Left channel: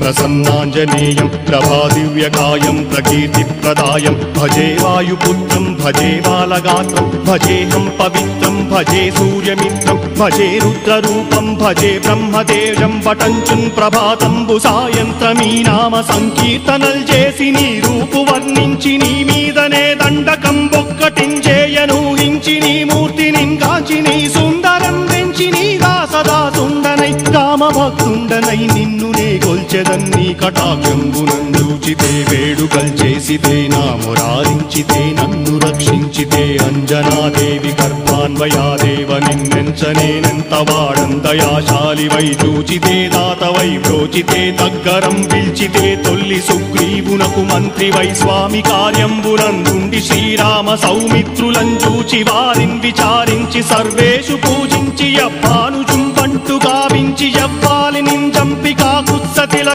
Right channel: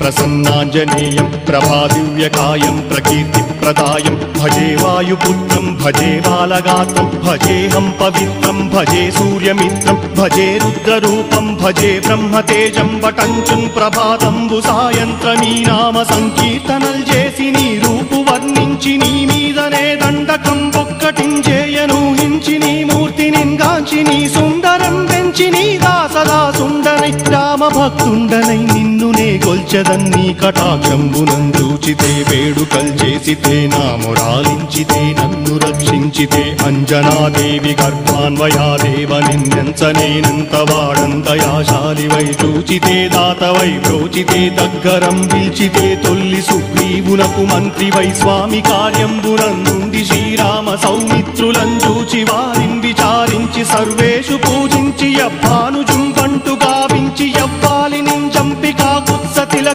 ప్రసన్నాంజనేయం ప్రభాదివ్యకాయం ప్రకీర్తిప్రదాయం భజే వాయుపుత్రం భజే బాలగాత్రం భజేహం పవిత్రం భజే సూర్యమిత్రం భజే రుద్రరూపం భజే బ్రహ్మదేవం వటంచుం ప్రభాతంబు సాయంత్రమీ నామ సంకీర్తనల్ చేసి నీ రూపు వర్ణించి నీ మీదనే దండకం ఒక్కటించేయనూహించి నీ మూర్తిని కాంచి నీ సుందరం పెంచి నీ సదా సుందరై రామభక్తుండనై కొల్చెదన్నీ కటాక్షంబునందూచితే వేడుకల్ చేసితే నా మురారించితే నన్ను రక్షించితే అంజనాదేవి గర్భాన్వయాదేవనెంచనేనంత వాడంతయాశాలివై చూచితే దాతవై ప్రోచితే దగ్గరం పిలిచితే తొల్లి సుగ్రీవునకు మంత్రివై స్వామి కార్యంబునందుండి శ్రీరామ సౌమిత్రుల